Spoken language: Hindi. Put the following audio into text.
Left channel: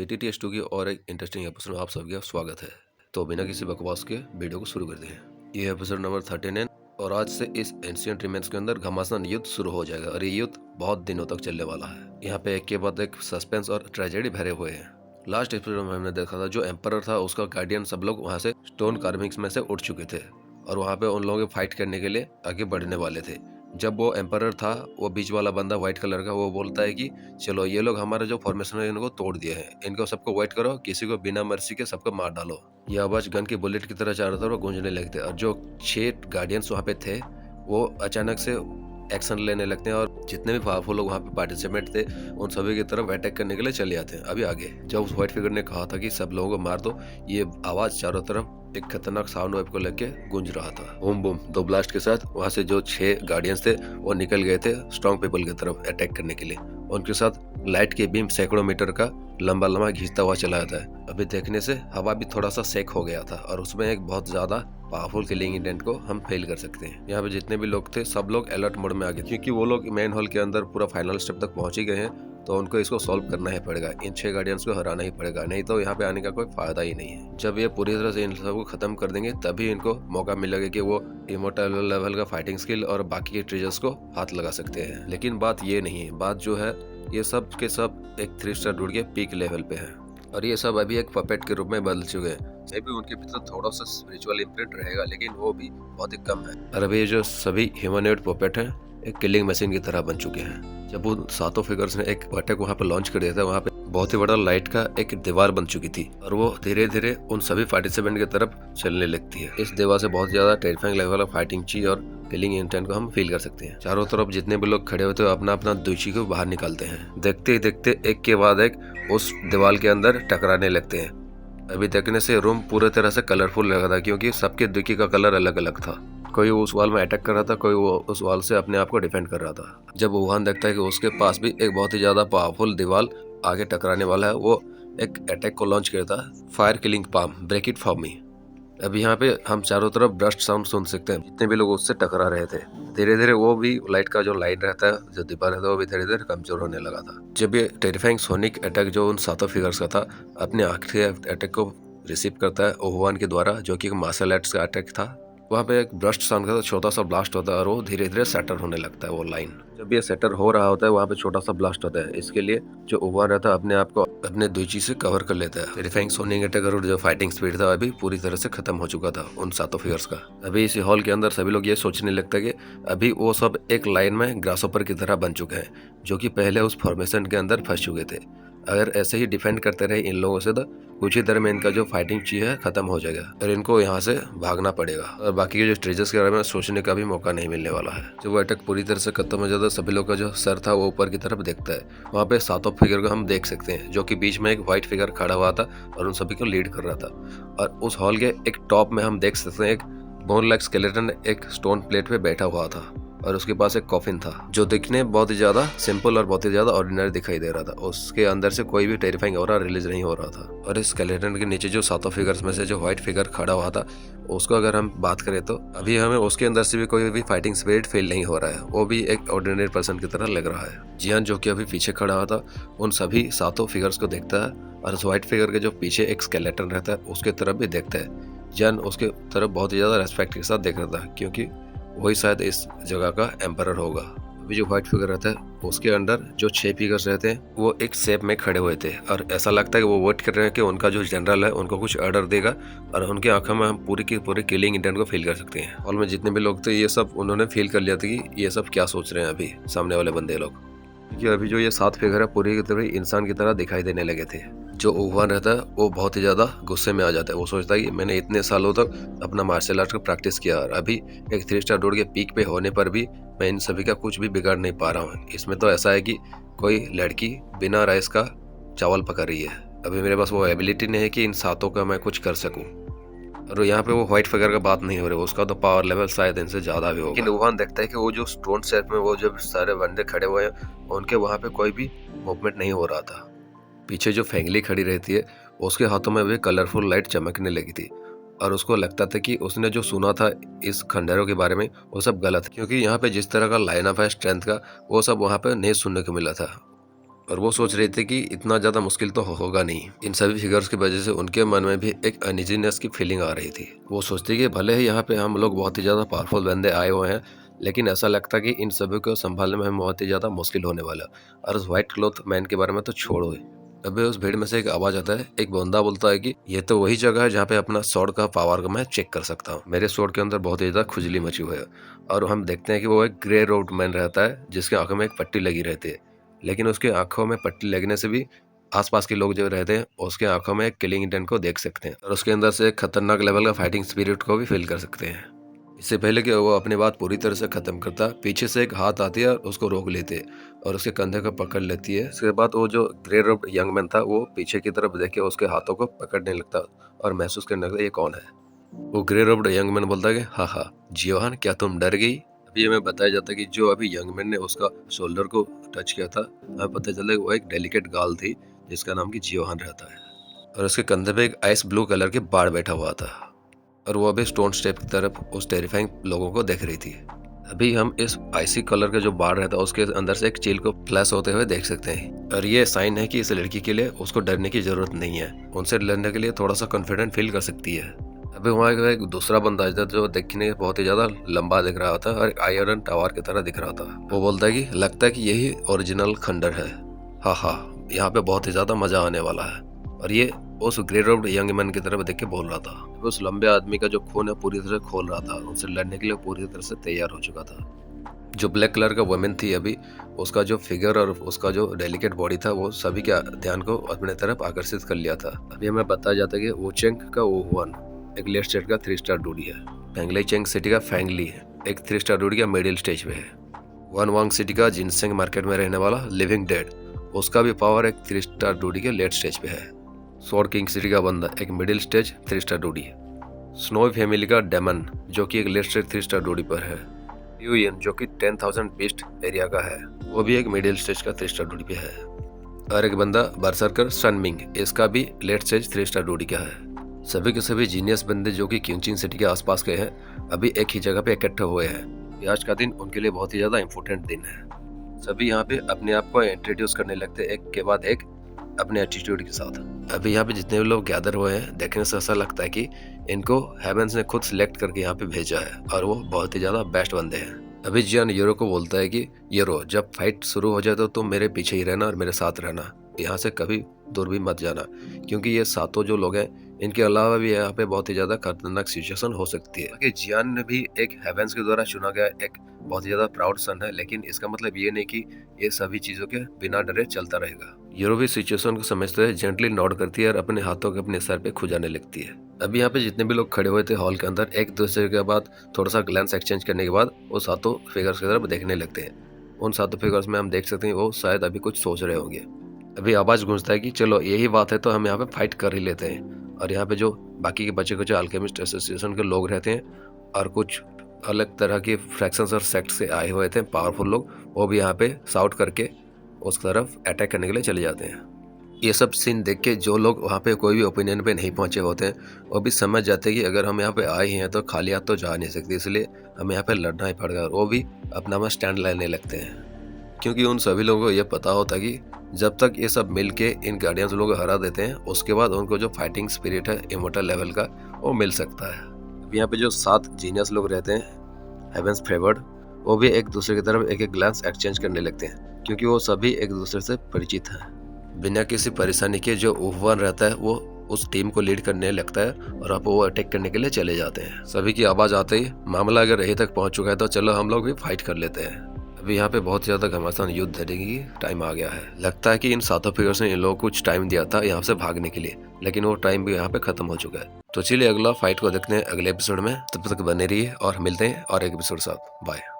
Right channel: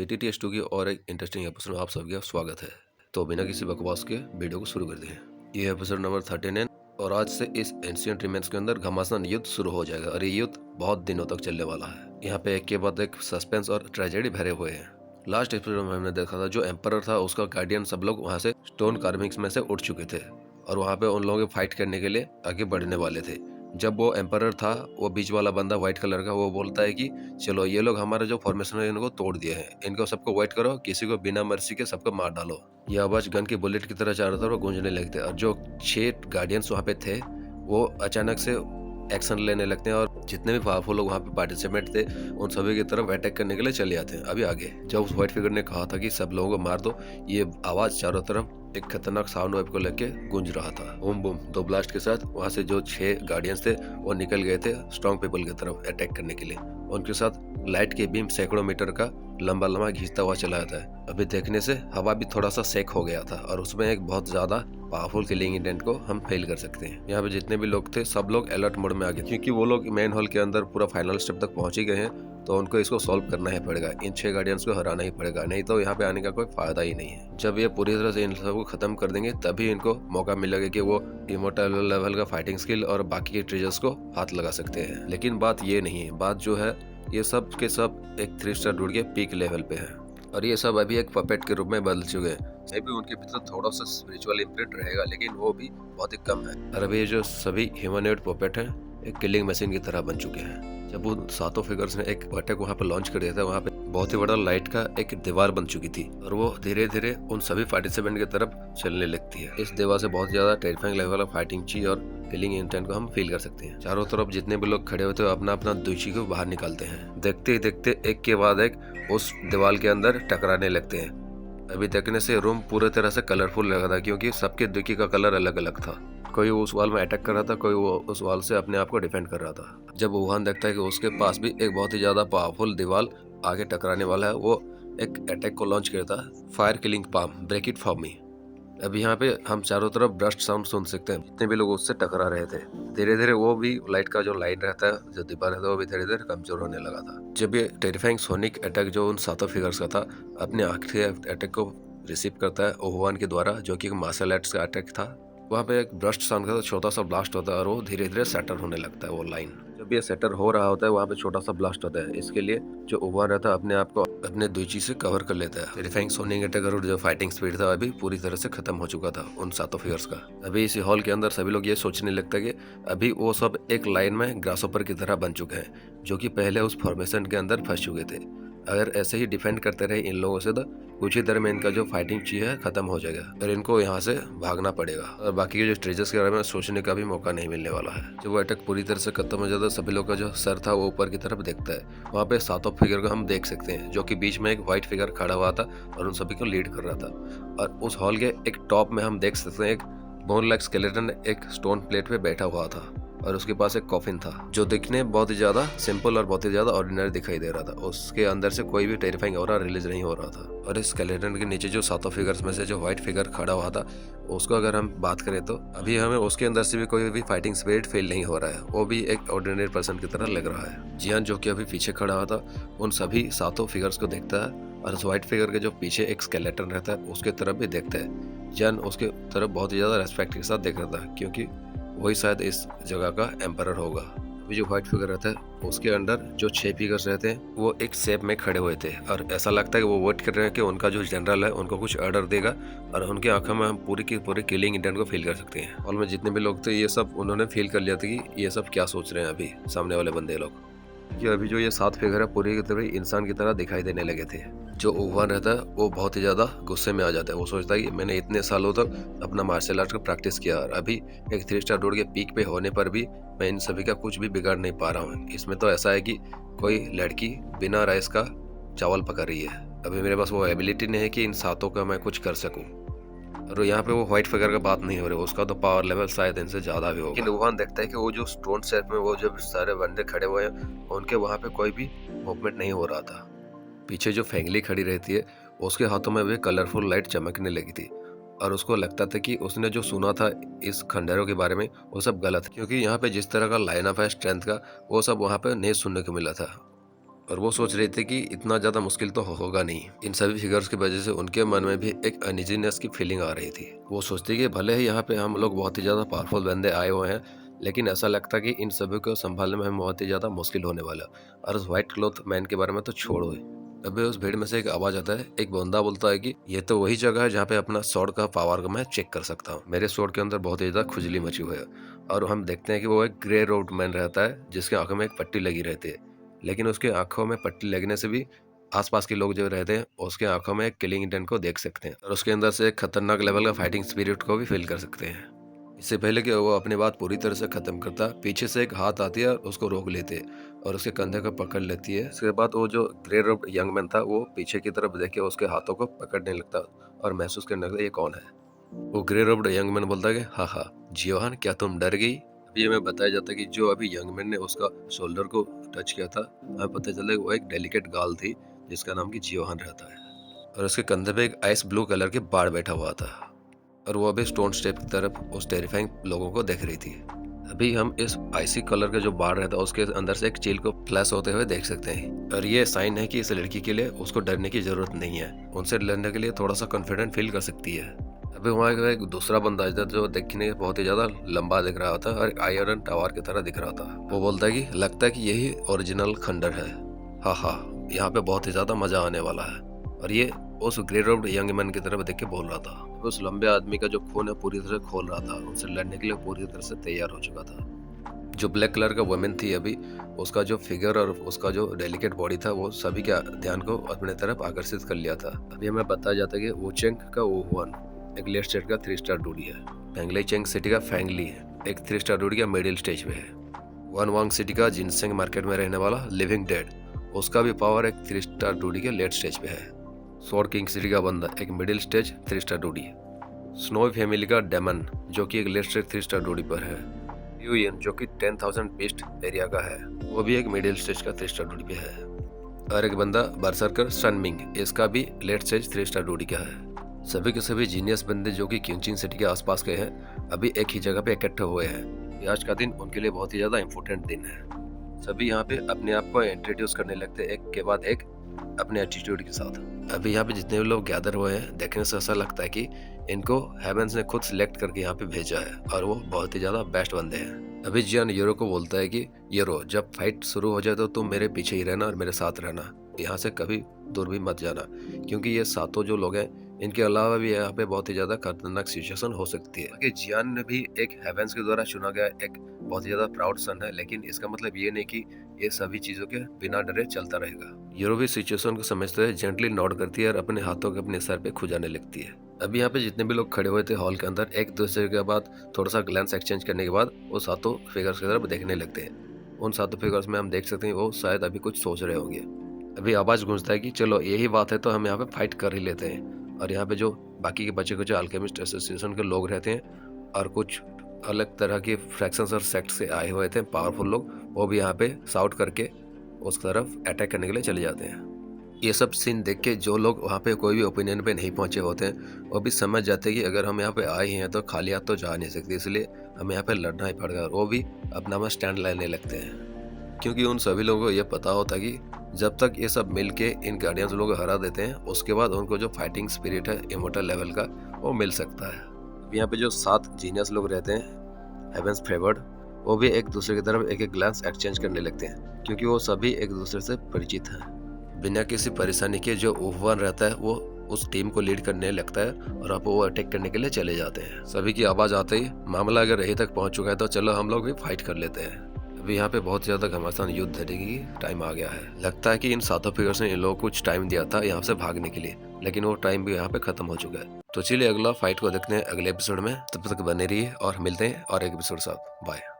PTTS2 की और एक इंटरेस्टिंग एपिसोड में आप सबका स्वागत है। तो बिना किसी बकवास के वीडियो को शुरू करते हैं। ये एपिसोड नंबर 39 और आज से इस एंशिएंट रिमेन्स के अंदर घमासान युद्ध शुरू हो जाएगा और ये युद्ध बहुत दिनों तक चलने वाला है। यहाँ पे एक के बाद एक सस्पेंस और ट्रेजेडी भरे हुए हैं। लास्ट एपिसोड में हमने देखा था जो एम्परर था उसका गार्डियन सब लोग वहाँ से स्टोन कार्विंग्स में से उठ चुके थे और वहाँ पे उन लोगों के फाइट करने के लिए आगे बढ़ने वाले थे। जब वो एम्परर था, वो बीच वाला बंदा व्हाइट कलर का, वो बोलता है कि चलो ये लोग हमारा जो फॉर्मेशन है इनको तोड़ दिए हैं, इनको सबको वाइट करो, किसी को बिना मर्सी के सबको मार डालो। ये आवाज गन की बुलेट की तरह चारों तरफ गूंजने लगते और जो 6 गार्डियंस वहाँ पे थे वो अचानक से एक्शन लेने लगते हैं और जितने भी पावरफुल लोग वहाँ पे पार्टिसिपेंट थे उन सभी की तरफ अटैक करने के लिए चले जाते हैं। अभी आगे जब उस व्हाइट फिगर ने कहा था कि सब लोगों को मार दो, ये आवाज चारों तरफ एक खतरनाक साउंड वेव को लेके गूंज रहा था। बूम बूम 2 ब्लास्ट के साथ वहाँ से जो 6 गार्डियंस थे वो निकल गए थे स्ट्रॉन्ग पीपल की तरफ अटैक करने के लिए। उनके साथ लाइट के बीम सैकड़ों मीटर का लंबा लंबा घिसता हुआ चला जाता है। अभी देखने से हवा भी थोड़ा सा सेक हो गया था और उसमें एक बहुत ज्यादा पावरफुल किलिंग इंटेंट को हम फेल कर सकते हैं। यहाँ पे जितने भी लोग थे सब लोग अलर्ट मोड में आ गए क्योंकि वो लोग मेन हॉल के अंदर पूरा फाइनल स्टेप तक पहुंच ही गए हैं, तो उनको इसको सॉल्व करना ही पड़ेगा। इन 6 गार्डियंस को हराना ही पड़ेगा, नहीं तो यहाँ पे आने का कोई फायदा ही नहीं है। जब ये पूरी तरह से इन सबको खत्म कर देंगे तभी इनको मौका मिलेगा कि वो इमोर्टल लेवल का फाइटिंग स्किल और बाकी के ट्रेजर्स को हाथ लगा सकते हैं। लेकिन बात ये नहीं है, बात जो है ये सब के सब एक 3 स्टार डूड के पीक लेवल पे है और ये सब अभी एक पपेट के रूप में बदल चुके हैं। मे भी उनके भीतर थोड़ा सा स्पिरिचुअल इम्प्रिंट रहेगा लेकिन वो भी बहुत ही कम है। और अभी जो सभी ह्यूमनॉइड पपेट हैं एक किलिंग मशीन की तरह बन चुके हैं। जब उन 7 फिगर्स ने एक अटैक वहाँ पे लॉन्च कर दिया था, वहाँ पे बहुत ही बड़ा लाइट का एक दीवार बन चुकी थी और वो धीरे धीरे उन सभी पार्टिसिपेंट की तरफ चलने लगती है। इस दीवार से बहुत ज्यादा टेरिफाइंग लेवल ऑफ फाइटिंग चीज और किलिंग इंटेंट को हम फील कर सकते हैं। चारों तरफ जितने भी लोग खड़े होते हैं अपना अपना दुची को बाहर निकालते हैं। देखते ही देखते एक के बाद एक उस दीवार के अंदर टकराने लगते हैं। अभी देखने से रूम पूरे तरह से कलरफुल लगा था क्योंकि सबके दुकी का कलर अलग अलग था। कोई उस वॉल में अटैक कर रहा था, कोई वो उस वॉल से अपने आप को डिफेंड कर रहा था। जब वुहान देखता है कि उसके पास भी एक बहुत ही ज्यादा पावरफुल दीवार आगे टकराने वाला है, वो एक अटैक को लॉन्च करता है, fire killing palm, break it for me. अभी यहाँ पे हम चारों तरफ ब्रस्ट साउंड सुन सकते हैं। जितने भी लोग उससे टकरा रहे थे धीरे धीरे वो भी लाइट का जो लाइन रहता है, जो दीवार रहता है, वो भी धीरे धीरे कमजोर होने लगा था। जब ये टेरिफाइंग सोनिक अटैक जो उन 7 फिगर्स का था अपने आखिरी अटैक को रिसीव करता है ओहुआन के द्वारा, जो कि मार्शल आर्ट्स का अटैक था, वहाँ पे एक ब्रस्ट साउंड का छोटा सा ब्लास्ट होता है और वो धीरे धीरे सेटर होने लगता है वो लाइन। जब ये सेटर हो रहा होता है वहाँ पे छोटा सा ब्लास्ट होता है। इसके लिए जो ओहुआन रहता है अपने आप को अपने दुची से कवर कर लेता है। टेरिफाइंग सोनिक अटैक और जो फाइटिंग स्पीड था अभी पूरी तरह से खत्म हो चुका था उन 7 फिगर्स का। अभी इस हॉल के अंदर सभी लोग ये सोचने लगता है कि अभी वो सब एक लाइन में ग्रासहोपर की तरह बन चुके हैं जो कि पहले उस फॉर्मेशन के अंदर फंस चुके थे। अगर ऐसे ही डिफेंड करते रहे इन लोगों से तो कुछ ही देर में इनका जो फाइटिंग चीज है खत्म हो जाएगा और इनको यहाँ से भागना पड़ेगा और बाकी के जो ट्रेजर्स के बारे में सोचने का भी मौका नहीं मिलने वाला है। जब वो अटैक पूरी तरह से खत्म हो जाता है सभी लोग का जो सर था वो ऊपर की तरफ देखता है। वहाँ पे 7 फिगर को हम देख सकते हैं जो कि बीच में एक व्हाइट फिगर खड़ा हुआ था और उन सभी को लीड कर रहा था। और उस हॉल के एक टॉप में हम देख सकते हैं एक बोन लाइक स्केलेटन एक स्टोन प्लेट पे बैठा हुआ था और उसके पास एक कॉफिन था जो दिखने बहुत ही ज्यादा सिंपल और बहुत ही ज्यादा ऑर्डिनरी दिखाई दे रहा था। उसके अंदर से कोई भी टेरिफाइंग ऑरा रिलीज नहीं हो रहा था। और इस स्केलेटन के नीचे जो 7 फिगर्स में से जो व्हाइट फिगर खड़ा हुआ था उसको अगर हम बात करें तो अभी हमें उसके अंदर से भी कोई भी फाइटिंग स्पिरिट फील नहीं हो रहा है, वो भी एक ऑर्डिनरी पर्सन की तरह लग रहा है। जियान जो कि अभी पीछे खड़ा हुआ था उन सभी 7 फिगर्स को देखता है और उस व्हाइट फिगर के जो पीछे एक स्केलेटन रहता है उसके तरफ भी देखता है। जियान उसके तरफ बहुत ही ज्यादा रेस्पेक्ट के साथ देख रहा था क्योंकि वही शायद इस जगह का एम्परर होगा। अभी जो व्हाइट फिगर रहता है उसके अंदर जो 6 फिगर्स रहते हैं वो एक शेप में खड़े हुए थे और ऐसा लगता है कि वो वेट कर रहे हैं कि उनका जो जनरल है उनको कुछ ऑर्डर देगा और उनकी आंखों में हम पूरी की पूरी किलिंग इंटेंट को फील कर सकते हैं। हॉल में जितने भी लोग थे ये सब उन्होंने फील कर लिया था कि ये सब क्या सोच रहे हैं अभी सामने वाले बंदे लोग। कि अभी जो ये 7 फिगर है पूरी की पूरी इंसान की तरह दिखाई देने लगे थे। जो ओहुआन रहता है वो बहुत ही ज्यादा गुस्से में आ जाता है। वो सोचता है कि मैंने इतने सालों तक अपना मार्शल आर्ट का प्रैक्टिस किया और अभी एक 3 स्टार डोर के पीक पे होने पर भी मैं इन सभी का कुछ भी बिगाड़ नहीं पा रहा हूँ। इसमें तो ऐसा है कि कोई लड़की बिना राइस का चावल पका रही है। अभी मेरे पास वो एबिलिटी नहीं है कि इन 7 का मैं कुछ कर सकूं। और यहाँ पे वो व्हाइट फिगर का बात नहीं हो रही, उसका तो पावर लेवल शायद इनसे ज्यादा भी होगा। लेकिन वुहान देखता है कि वो जो स्टोन शेप में वो जो सारे बंदे खड़े हुए हैं उनके वहाँ पे कोई भी मूवमेंट नहीं हो रहा था। पीछे जो फेंगली खड़ी रहती है उसके हाथों में भी कलरफुल लाइट चमकने लगी थी और उसको लगता था कि उसने जो सुना था इस खंडरों के बारे में वो सब गलत, क्योंकि यहाँ पे जिस तरह का लाइन अप है स्ट्रेंथ का वो सब वहाँ पे नहीं सुनने को मिला था। और वो सोच रहे थे कि इतना ज़्यादा मुश्किल तो होगा नहीं। इन सभी फिगर्स की वजह से उनके मन में भी एक अनइजीनेस की फीलिंग आ रही थी। वो सोचते कि भले ही यहाँ पे हम लोग बहुत ही ज़्यादा पावरफुल बंदे आए हुए हैं, लेकिन ऐसा लगता कि इन सभी को संभालने में हमें बहुत ही ज़्यादा मुश्किल होने वाला। और उस व्हाइट क्लॉथ मैन के बारे में तो छोड़ो ही। तभी उस भीड़ में से एक आवाज आता है। एक बंदा बोलता है कि ये तो वही जगह है जहाँ पे अपना स्वॉर्ड का पावर को मैं चेक कर सकता हूँ। मेरे स्वॉर्ड के अंदर बहुत ही ज्यादा खुजली मची हुई है। और हम देखते हैं कि वो एक ग्रे रोड मैन रहता है जिसकी आंखों में एक पट्टी लगी रहती है। लेकिन उसकी आंखों में पट्टी लगने से भी आसपास के लोग जो रहते हैं उसके आंखों में एक किलिंग इंटेंट को देख सकते हैं और उसके अंदर से एक खतरनाक लेवल का फाइटिंग स्पिरिट को भी फील कर सकते हैं। इससे पहले कि वो अपनी बात पूरी तरह से खत्म करता, पीछे से एक हाथ आती है और उसको रोक लेते हैं और उसके कंधे को पकड़ लेती है। इसके बाद वो जो ग्रे रोड यंग मैन था वो पीछे की तरफ देख के उसके हाथों को पकड़ने लगता और महसूस करने लगता ये कौन है। वो ग्रे रोड यंग मैन बोलता है कि हाँ, जियोहान, क्या तुम डर गई? अभी हमें बताया जाता है कि जो अभी यंग मैन ने उसका शोल्डर को टच किया था, हमें पता चला वो एक डेलिकेट गर्ल थी जिसका नाम की जियोहान रहता है और उसके कंधे पे एक आइस ब्लू कलर के बाड़ बैठा हुआ था और वो अभी स्टोन स्टेप की तरफ उस टेरिफाइंग लोगों को देख रही थी। अभी हम इस आइसी कलर का जो बाड़ रहता है उसके अंदर से एक चील को फ्लैश होते हुए देख सकते हैं और ये साइन है कि इस लड़की के लिए उसको डरने की जरूरत नहीं है। उनसे लड़ने के लिए थोड़ा सा कॉन्फिडेंट फील कर सकती है। अभी वहाँ एक दूसरा बंदा था जो देखने में बहुत ही ज्यादा लंबा दिख रहा था और आयरन टावर की तरह दिख रहा था। वो बोलता है कि लगता है कि यही ओरिजिनल खंडर है। हाँ, यहाँ पे बहुत ही ज्यादा मजा आने वाला है। और ये उस ग्रे रोड यंग मैन की तरफ देख के बोल रहा था। उस लंबे आदमी का जो खून है पूरी तरह खोल रहा था, उनसे लड़ने के लिए पूरी तरह से तैयार हो चुका था। जो ब्लैक कलर का वुमेन थी अभी उसका जो फिगर और उसका जो डेलिकेट बॉडी था वो सभी के ध्यान को अपने तरफ आकर्षित कर लिया था। अभी हमें बताया जाता है कि वुचेंग का वुहान एक लेट स्टेट का 3 स्टार डूडी है। फेंगली चेंग सिटी का फैंगली है एक 3 स्टार डूडी का मिडिल स्टेज पे है। वन वांग सिटी का जिनसेंग मार्केट में रहने वाला लिविंग डेड, उसका भी पावर एक 3 स्टार डूडी के लेट स्टेज पे है। स्वॉर्ड किंग सिटी का बंदा एक मिडिल स्टेज 3 स्टार डूडी है। स्नो फैमिली का डेमन जो कि एक लेट स्टेज 3 स्टार डूडी पर है। यूएन जो कि 10,000 बीस्ट एरिया का है, वो भी एक मिडिल स्टेज का 3 स्टार डूडी पे है। और एक बंदा बरसरकर सनमिंग, इसका भी लेट स्टेज 3 स्टार डूडी का है। सभी के सभी जीनियस बंदे जो कि क्यूचिंग सिटी के आसपास के हैं अभी एक ही जगह पे इकट्ठे हुए हैं। आज का दिन उनके लिए बहुत ही ज्यादा इम्पोर्टेंट दिन है। सभी यहाँ पे अपने आप को इंट्रोड्यूस करने लगते हैं एक के बाद एक अपने एटीट्यूड के साथ। अभी यहाँ पे जितने भी लोग गैदर हुए हैं देखने से ऐसा लगता है कि इनको हेवेंस ने खुद सिलेक्ट करके यहाँ पे भेजा है और वो बहुत ही ज्यादा बेस्ट बंदे हैं। अभी जियान यूरो को बोलता है कि यूरो, जब फाइट शुरू हो जाए तो तुम मेरे पीछे ही रहना और मेरे साथ रहना, यहाँ से कभी दूर भी मत जाना, क्योंकि ये सातों जो लोग हैं इनके अलावा भी यहाँ पे बहुत ही ज्यादा खतरनाक सिचुएशन हो सकती है। कि जियान ने भी एक हेवेंस के द्वारा चुना गया एक बहुत ही ज्यादा प्राउड सन है, लेकिन इसका मतलब ये नहीं कि ये सभी चीजों के बिना डरे चलता रहेगा। यूरो भी सिचुएशन को समझते हुए जेंटली नॉड करती है और अपने हाथों को अपने सर पे खुजाने लगती है। अभी यहाँ पे जितने भी लोग खड़े हुए थे हॉल के अंदर एक दूसरे के बाद थोड़ा सा ग्लैंस एक्सचेंज करने के बाद वो सातों फिगर्स की तरफ देखने लगते हैं। उन सातों फिगर्स में हम देख सकते हैं वो शायद अभी कुछ सोच रहे होंगे। अभी आवाज गूंजता है कि चलो यही बात है तो हम यहाँ पे फाइट कर ही लेते हैं। और यहाँ पे जो बाकी के बचे कुछ अल्केमिस्ट एसोसिएशन के लोग रहते हैं और कुछ अलग तरह के फ्रैक्शंस और सेक्ट से आए हुए थे पावरफुल लोग, वो भी यहाँ पे शाउट करके उस तरफ अटैक करने के लिए चले जाते हैं। ये सब सीन देख के जो लोग वहाँ पे कोई भी ओपिनियन पे नहीं पहुंचे होते हैं वो भी समझ जाते हैं कि अगर हम यहाँ पे आए हैं तो खाली हाथ तो जा नहीं सकते, इसलिए हमें यहाँ पे लड़ना ही पड़ेगा। और वो भी अपना स्टैंड लेने लगते हैं क्योंकि उन सभी लोगों को ये पता होता है कि जब तक ये सब मिल के इन गार्डियंस लोगों को हरा देते हैं उसके बाद उनको जो फाइटिंग स्पिरिट है इमोर्टल लेवल का वो मिल सकता है। अब यहाँ पे जो 7 जीनियस लोग रहते हैं हेवेंस फेवर्ड, वो भी एक दूसरे की तरफ एक एक ग्लांस एक्सचेंज करने लगते हैं क्योंकि वो सभी एक दूसरे से परिचित हैं। बिना किसी परेशानी के जो उहवान रहता है वो उस टीम को लीड करने लगता है और आप वो अटैक करने के लिए चले जाते हैं। सभी की आवाज आते ही मामला अगर यहीं तक पहुंच चुका है तो चलो हम लोग भी फाइट कर लेते हैं। अभी यहाँ पे बहुत ज्यादा घमासान युद्ध देने की टाइम आ गया है। लगता है कि इन सातों फिगर्स ने इन लोगों को कुछ टाइम दिया था यहाँ से भागने के लिए, लेकिन वो टाइम भी यहाँ पे खत्म हो चुका है। तो चलिए अगला फाइट को देखते हैं अगले एपिसोड में। तब तक बने रहिए और मिलते हैं और एक एपिसोड साथ। बाय।